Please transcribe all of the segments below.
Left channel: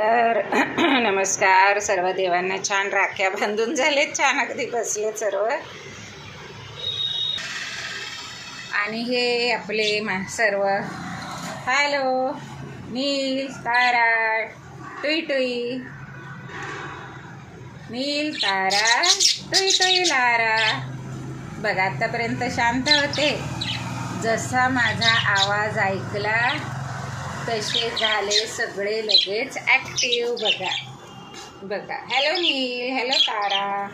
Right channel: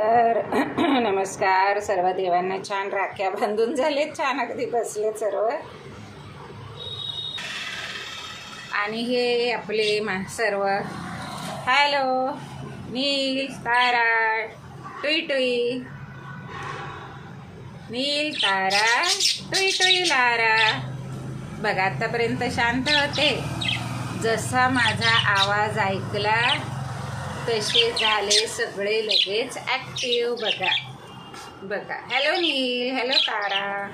तर नमस्कार सर्व देवांना. छान राख्या बांधून झालेत, छान अगदी बसले सर्व. आणि हे आपले सर्व हॅलो नील तारा टुई टुई, नील तारा टुई टुई लारा. बघा आतापर्यंत शांत होते, जसा माझा आवाज ऐकला तसे झाले सगळे लगेच ॲक्टिव्ह. बघा बघा, हॅलो नील, हॅलो तारा.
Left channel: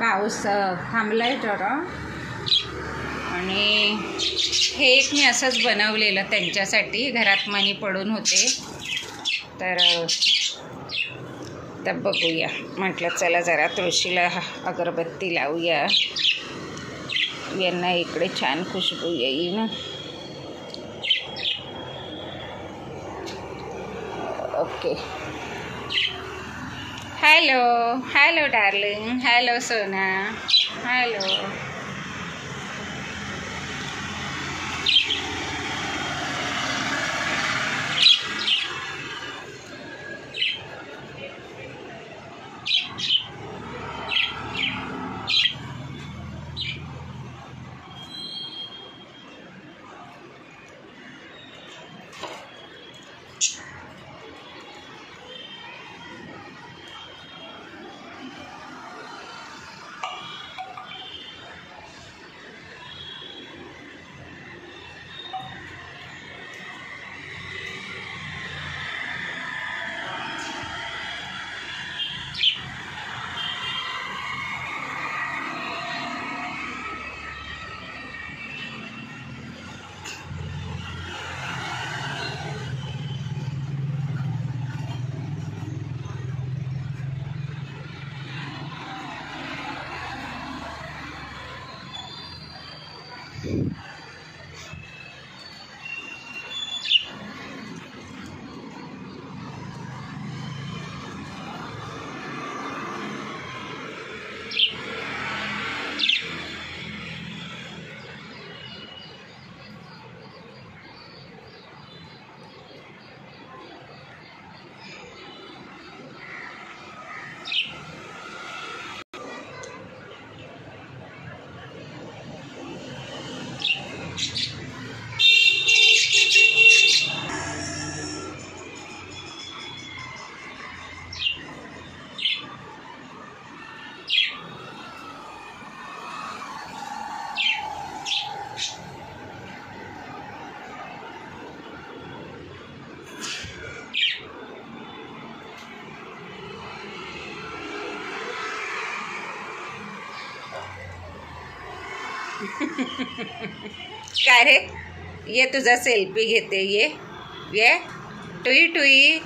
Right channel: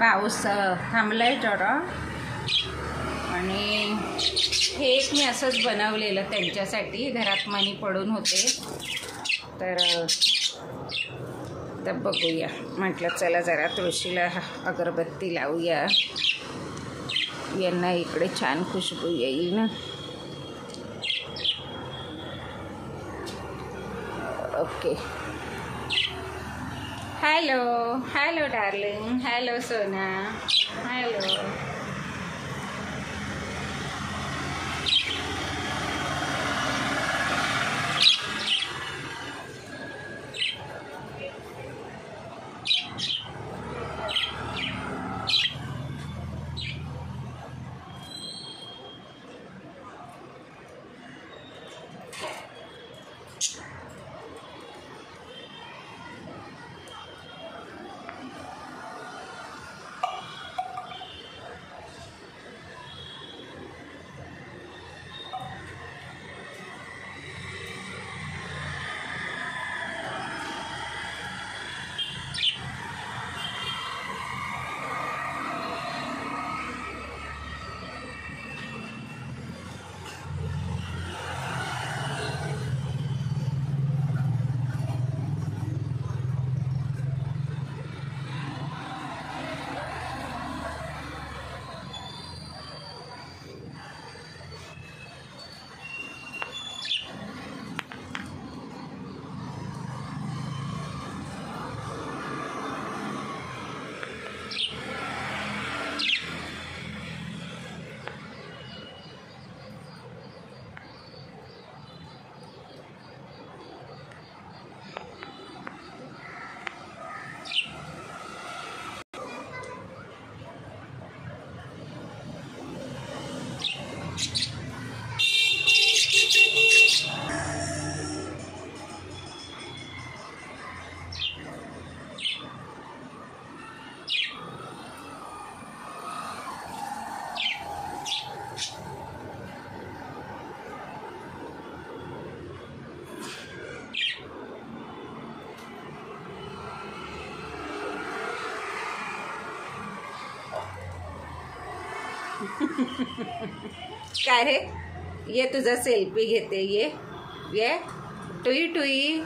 पाऊस थांबलाय जरा. आणि हे एक मी असंच बनवलेलं त्यांच्यासाठी, घरात मणी पडून होते तर बघूया म्हटलं चला जरा तुळशीला अगरबत्ती लावूया, यांना इकडे छान खुशबू येईल ना. Okay, hello hello darling, hello सोना, हॅलो. काय रे, ये तुझा सेल्फी घेते. ये टुई टुई.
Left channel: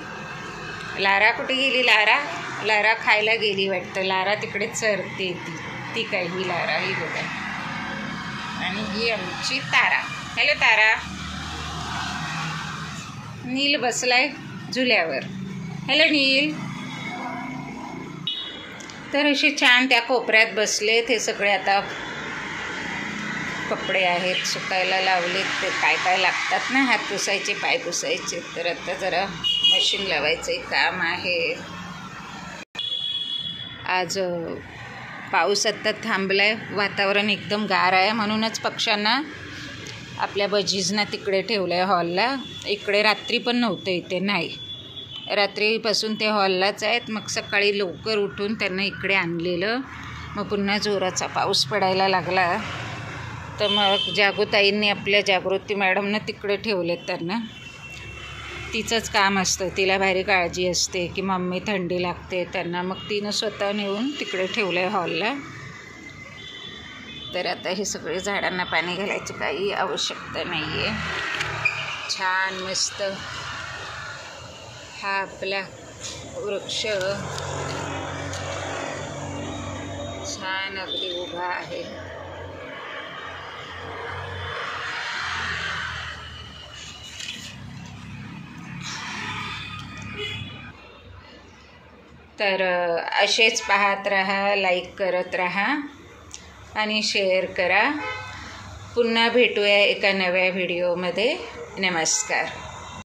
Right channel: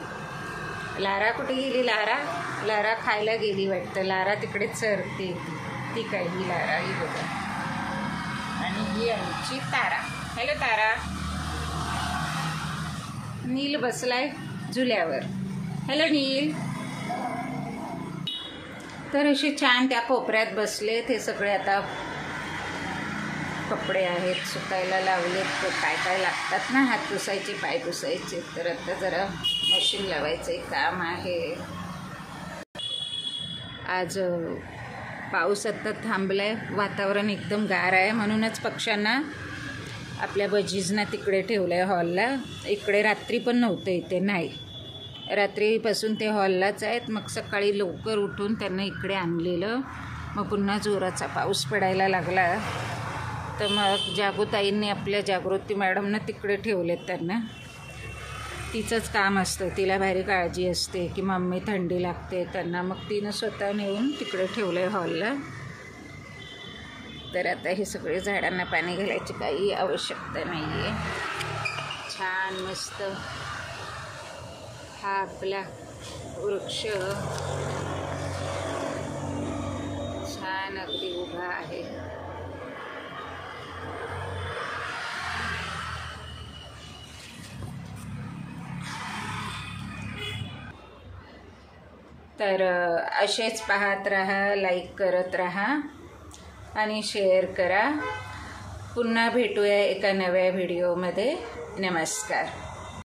लारा कुठे गेली? लारा खायला गेली वाटतं. लारा तिकडे चरते. ती काय ही लारा, ही बघा. आणि ही आमची तारा. हॅलो तारा. नील बसलाय झुल्यावर. हॅलो नील. तर असे छान त्या कोपऱ्यात बसले. ते सगळे आता कपडे आहेत सुकायला लावलेत. ते काय काय लागतात ना, हात पुसायचे, पाय पुसायचे. तर आता जरा मशीन लावायचं काम आहे. आज पाऊस आता थांबलाय, वातावरण एकदम गार आहे. म्हणूनच पक्ष्यांना आपल्या बजीजना तिकडे ठेवलं आहे हॉलला. इकडे रात्री पण नव्हतं, इथे नाही. रात्रीपासून ते हॉललाच आहेत. मग सकाळी लवकर उठून त्यांना इकडे आणलेलं. मग पुन्हा जोराचा पाऊस पडायला लागला तर मग जागोताईंनी आपल्या जागृती मॅडमनं तिकडे ठेवलेत त्यांना. तिचंच काम असतं, तिला भारी काळजी असते की मम्मी थंडी लागते त्यांना. मग तिनं स्वतः नेऊन तिकडे ठेवलं आहे हॉलला. तर आता हे सगळे झाडांना पाणी घालायची काही आवश्यकता नाही आहे. छान मस्त हा आपला वृक्ष छान अगदी उभा आहे. तर असेच पाहत राहा, लाईक करत राहा आणि शेअर करा. पुन्हा भेटूया एका नव्या व्हिडिओमध्ये. नमस्कार.